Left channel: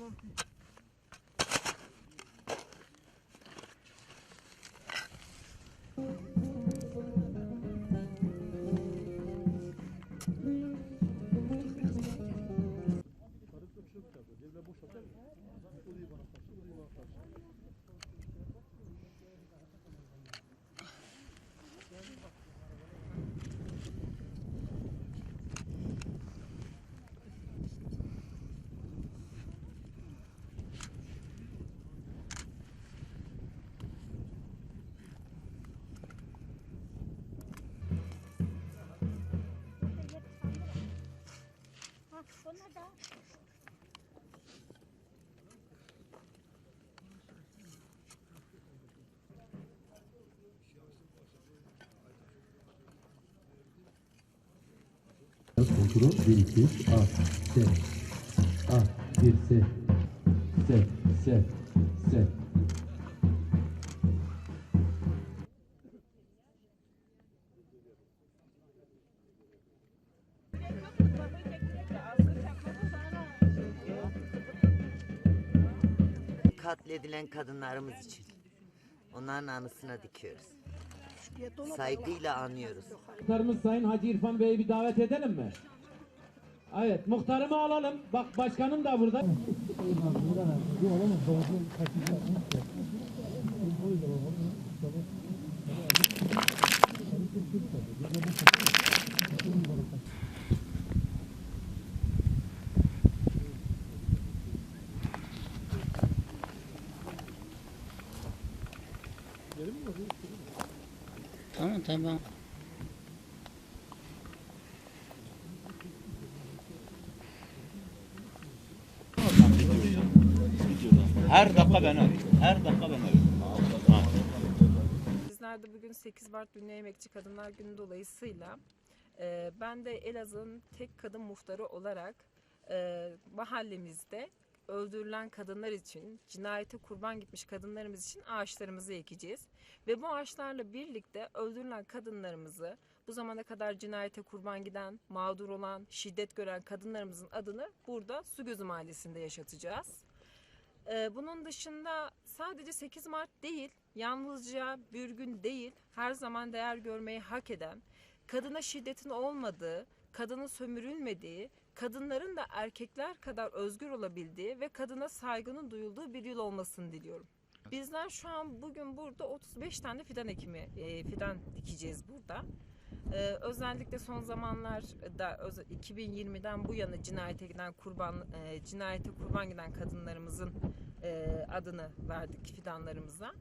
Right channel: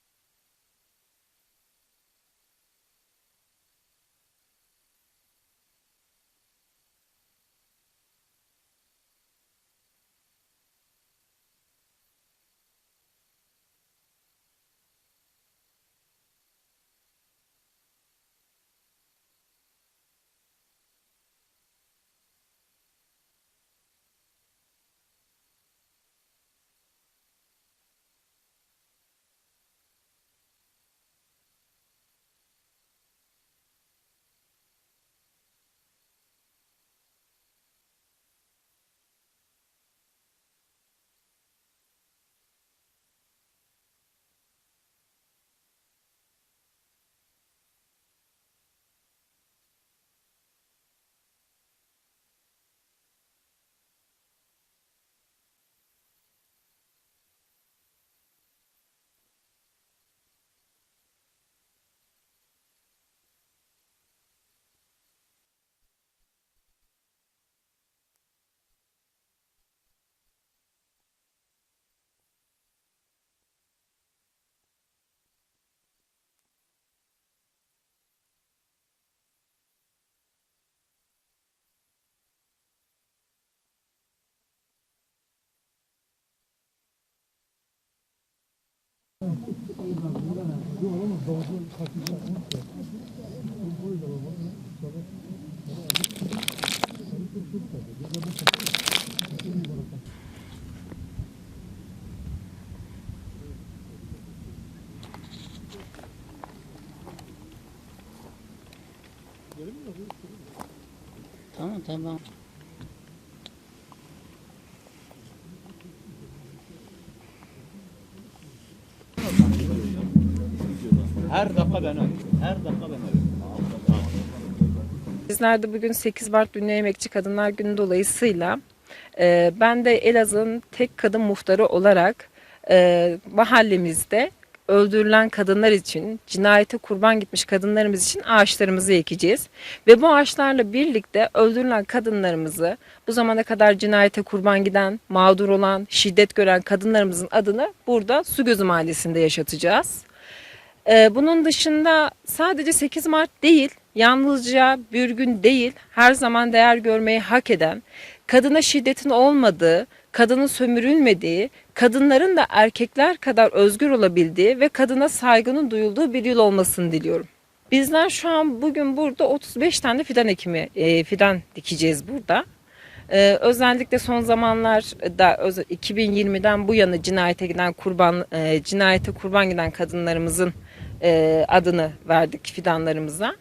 Kontrol 1 2 3 A S A 1 S S S S katledilen kadınlarımız için. Onların anısına dikiyoruz. Saygıyla anıyoruz. Muhtarımız Sayın Hacı İrfan Bey'i bir davet edelim mi? Evet, muhtarımı alalım. Bak başkanım da burada. Tamam tamam. Her dakika ben arıyorum. Her dakika ben arıyorum. Bizler de bugün 8 Mart Dünya Emekçi Kadınlar Günü dolayısıyla e, ben de Elazığ'ın tek kadın muhtarı olarak e, mahallemizde öldürülen kadınlar için, cinayete kurban gitmiş kadınlarımız için ağaçlarımızı ekeceğiz. Ve bu ağaçlarla birlikte öldürülen kadınlarımızı, bu zamana kadar cinayete kurban giden, mağdur olan, şiddet gören kadınlarımızın adını burada Sugözü Mahallesi'nde yaşatacağız. Ee, bunun dışında sadece 8 Mart değil, yalnızca bir gün değil, her zaman değer görmeyi hak eden, kadına şiddetin olmadığı, kadının sömürülmediği, kadınların da erkekler kadar özgür olabildiği ve kadına saygının duyulduğu bir yıl olmasını diliyorum. Bizler şu an bugün burada 35 tane fidan ekimi, e, fidan dikeceğiz burada. Ee, özellikle son zamanlarda öz- 2020'den bu yana cinayete giden kurban e, cinayete kurban giden kadınlarımızın e, adını verdik fidanlarımıza.